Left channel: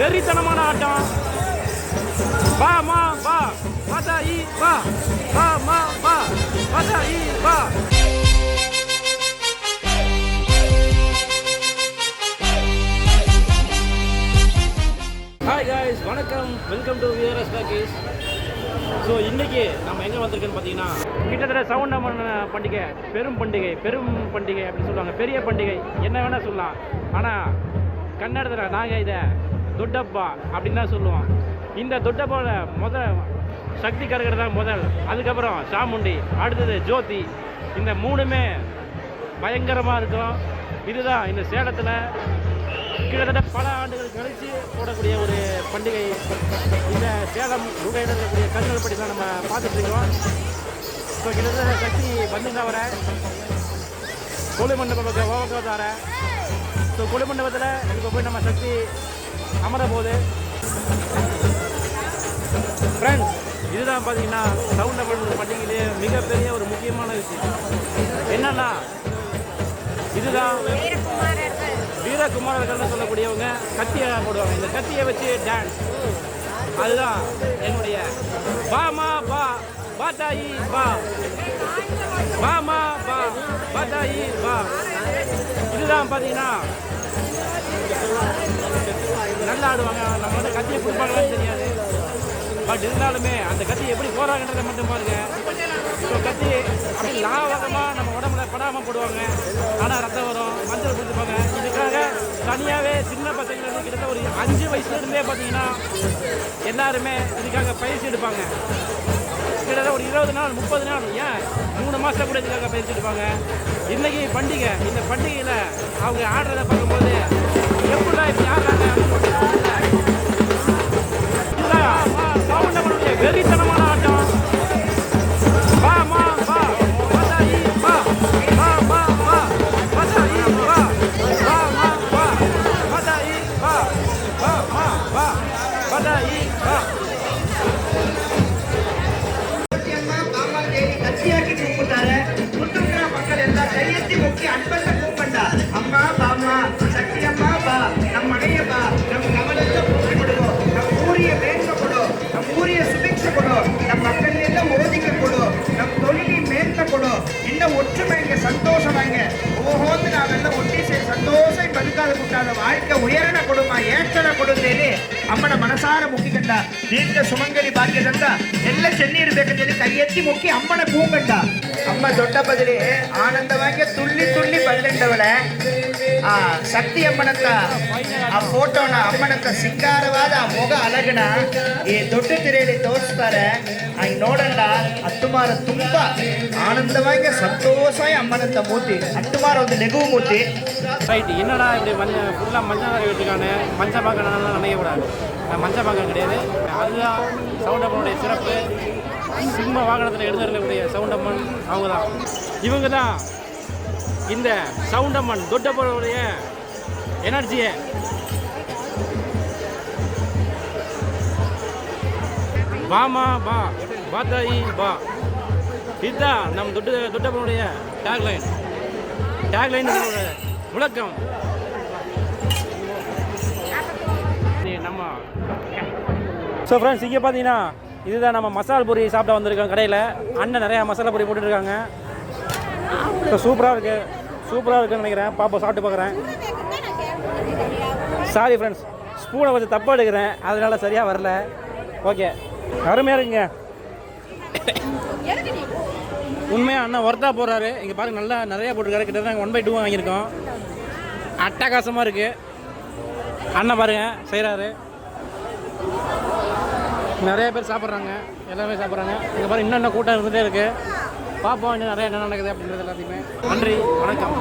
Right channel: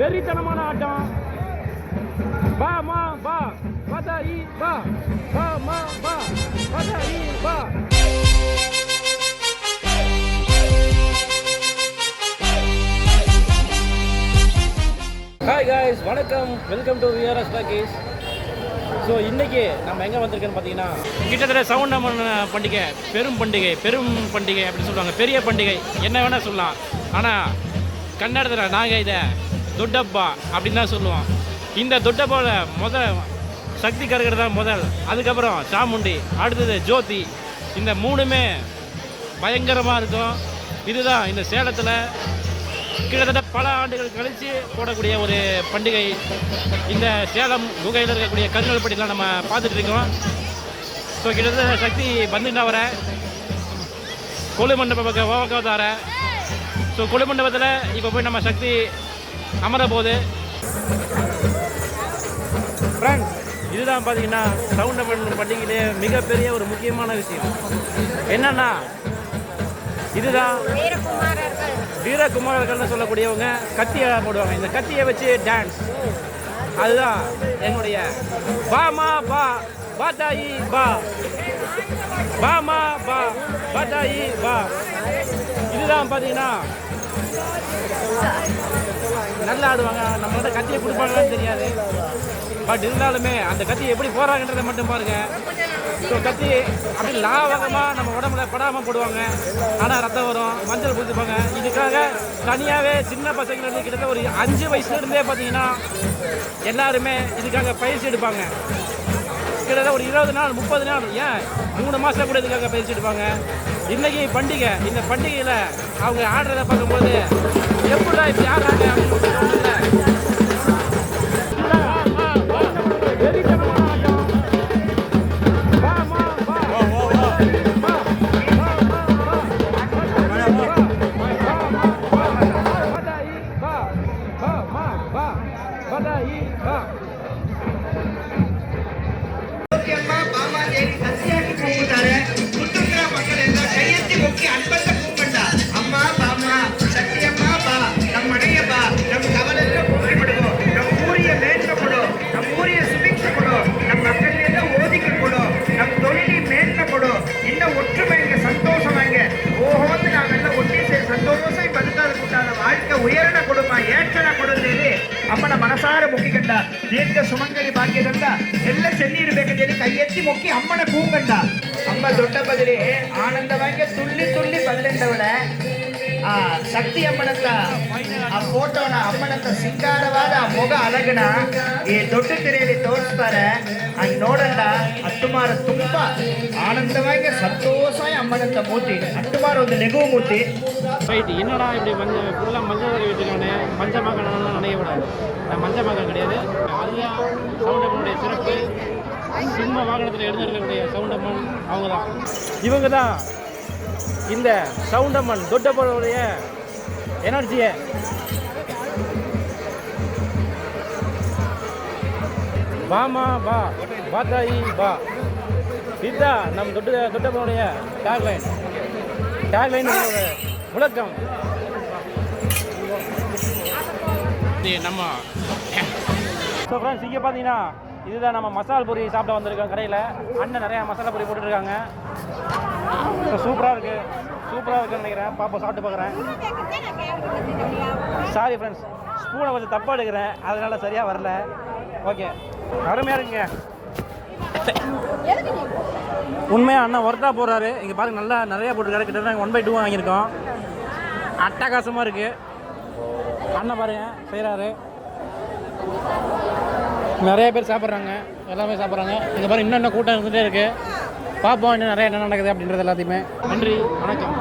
வெறித்தனமான ஆட்டம். பா மா பா பதாயி பா பா மா பா பதாயி பா. ஹாய் காய்ஸ், வணக்கம், welcome to VRS talkies. So இன்றைக்கி நம்ம எங்கே வந்திருக்கோன்னு பார்த்தீங்கன்னா, கிட்டத்தட்ட சவுண்டம்மன் பண்டிகை பெரும் பண்டிகை அப்படின்னு சொல்லுவாங்க. பெரிய பண்டிகை என்ன வேணால் சொல்லலாம். ஆனால் கன்னடத்தில் நாங்கள் இதை தொட்டப்பா அப்படின்னு தான் சொல்லுவோம். இந்த தொட்டப்பாவில் முதல் சக்தி கருகிறது தான் முதல், அதுக்கப்புறம் சாமுண்டி, அடுத்தது ஜோதி. இந்த மூணுமே பயங்கரமாக இருக்கும். இதுதான் இந்த சேலத்தில் கிட்டத்தட்ட பல ஆண்டுகள் கழித்து போடக்கூடிய ஒரு பண்டிகை. இந்த சேலம் குகையில் இருக்கக்கூடிய கருங்கல்பட்டிலாம் நம்ம பார்த்துட்ருக்கோம். ஸோ கிட்டத்தட்ட சக்தி வந்துங்க வர கொழு மண்டப பக்கம் ஓவக்காதார. ஸோ கொழு மண்டபத்தில் இப்போ போய் நம்ம சக்தி அமர போகுது. ஃப்ரெண்ட்ஸ், இதுதான் பார்த்தீங்கன்னா சவுண்டம்மன் பண்டிகையிலே மிகப்பெரிய ஒரு முக்கியமான விஷயம் என்னன்னா, இதுதான் வீரகுமாரர்கள்னு சொல்லக்கூடியவங்க கத்தியை போடுவாங்க. இந்த கத்தியை வச்சு டான்ஸ், அதுதான் என்னுடைய பாமா பா பாதாயி பா பாமா பா பாதாயி பா. இதுதான் பார்த்தீங்கன்னா நல்லா ஆடுவாங்க. நம்ம வந்து கத்தியை கொடுப்பாங்கன்னு தெரியாது, பட் இருந்தாலுமே அந்த கத்தி எப்படி போகிறாங்கன்றதை மட்டும் பாருங்க. ஸோ கத்தி அப்படி லாவகமாக நம்ம உடம்புல படாமல் போடுவாங்க. ஆனால் ரத்தம் வரும், மஞ்சள் பூசிப்பாங்க. இதுக்காக தனியாகவே சின்ன பசங்களுக்கு கிட்டத்தட்ட ஒரு 5 வயசுலேருந்தே பார்த்தீங்கன்னா எல்லாருமே இதுக்காக பயிற்சி எடுப்பாங்க. கிட்டத்தட்ட ஒரு 20 நாள் 30 நாள், ஏன் 3 மாதம் கூட இதுக்காக பயிற்சி எடுப்பாங்க. இன்றைக்கி பண்டிகை, இந்த பண்டிகையில் அவங்க ஆடுறதை பார்க்கும்போது எப்படா இப்படி ஆடுறாங்க அப்படின்னு வெறித்தனமான ஆட்டம். பா மா பா பதாயி பா பா மா பா பதாயி பா பா மா பா பதாயி பா பா மா பா பதாயி பா. அம்மா பாமா தேவி கத்தியாக்கி கூப்பிட்டாரு. முத்துங்கிற மக்கள் எல்லாம் கையெத்தி முக்கி அன்பத்தை கூப்பிட்டா. அம்மா பாமா சக்தி அம்மா பா, நம் அடைய பா, நம் கவலையில போக்கிவிடுவோம், நம் ஊரிய மேன்மைப்படும், நம் ஊரிய சுபிக்ஷப்படும், நம் மக்கள் எல்லாம் ஓதிக்கப்படும், நம் தொழிலில் மேன்மைப்படும். இன்னும் ஒற்றுமைங்க, சந்தோஷமாங்க. ஓஹோந்து நாங்கெல்லாம் ஒட்டி சேர் சந்தோஷம் பதுக்காத கூட்டாத வாழ்க்கை உயரண கொடுமா, ஏற்றன கொடுமேனு அம்மனை மனசார முக்கிக்கண்டா. தீர்க்க சுமங்கலி பாக்கியதா ಎಲ್ಲ ಚೆನ್ನೀರು ಬೇಕಂತೇಳಿ ಕೈ ಎತ್ತಿ ಮುಕ್ಕಿ ಅಮ್ಮನ ಕೂಗಂಡ. ಅಮ್ಮ ದೊಡ್ಡ ಬದಲಿ ಆನಂದವಾಗಿ ತುಳ್ಳಿ ತುಳ್ಳಿ ಬಂದಿದ್ದವಳೆ ಆ ಶಕ್ತಿ ಅಮ್ಮನ ಹತ್ರ ಆ ಫೋಟೋನ ಅಮ್ಮನ ಹತ್ರ ಸಿಂಗಾರವಾದ ಆ ಮೊಗ ಅಲಗಣ ಈ ದೊಡ್ಡ ತೆರೆಯಲ್ಲಿ ತೋರಿಸ್ತಾರೆ. ಹಂಗೆ ನೋಡಂಡ ಹತ್ತುಮಾರ ತುಂಬಾ ಆನಂದವಾಗಿ ಸಂತೋಷವಾಗಿ ಅಮ್ಮನಂತ ಮೂರ್ತಿ ಹತ್ತುಮಾರ ಒಂದು ನೆಗುವು ಮೂರ್ತಿ. ரைட்டு, என்னடா இப்படி ஃபுல்லாக மஞ்சள் வாங்கி விட்டுருக்காங்க. மஞ்சள் பாக்கம் நினைக்கக்கூடாது, மஞ்சள் பாக்கம் கிடையாது. அதுதான் சவுண்டம்மனுடைய சிறப்பு. சிம்ம வாகனத்தில் எழுந்திருக்கக்கூடிய சவுண்டம்மன் அவங்க தான். இவங்க தான் இந்த சவுண்டம்மன் தொட்டப்பனுடைய எனர்ஜியை. பாமா பா பாதாயி பா, இதுதான் நம்ம தொட்டப்பனுடைய டேக்லைன் முழக்கம். நம்ம ஸோ ஃப்ரெண்ட்ஸ், இங்கே பார்த்தீங்கன்னா இதுதான் நம்ம மசாலா பூரி சாப்பிட வந்திருக்கோம். கடையில் அண்ணன் நிறையா மசாலா பூரி போட்டுருக்காங்க. ஸோ சூப்பராக இருக்குன்னு நினைக்கிறேன். பாப்பா சாப்பிட்டு பார்க்குறேன். சாரி ஃப்ரெண்ட்ஸ், ஸ்பூனை கொஞ்சம் தப்பாக எடுக்கிறேன், அதனால் சரியாக வரல. ஓகே, அருமையாக இருக்குங்க. உண்மையாக அண்ணன் ஒர்த்தாக போடுறாரு. இங்கே பார்த்து நல்லா நிறையா போட்டிருக்காரு. கிட்டத்தட்ட நாங்கள் 1/2 வாங்கியிருக்கோம். அட்டகாசமாக இருக்குது. அண்ணன் பாருங்க செய்கிறாரு. நிறைய பேர் சாப்பிட்றாங்க, எல்லாமே சாப்பிட்றாங்க. இங்கே பாருங்க, இன்னும் கூட்டம் இருந்துகிட்டே இருக்குது. பார்ப்போம் இன்னும் நிறைய என்ன நடக்குது அப்படின்றது எல்லாத்தையுமே. நன்றி, வணக்கம்.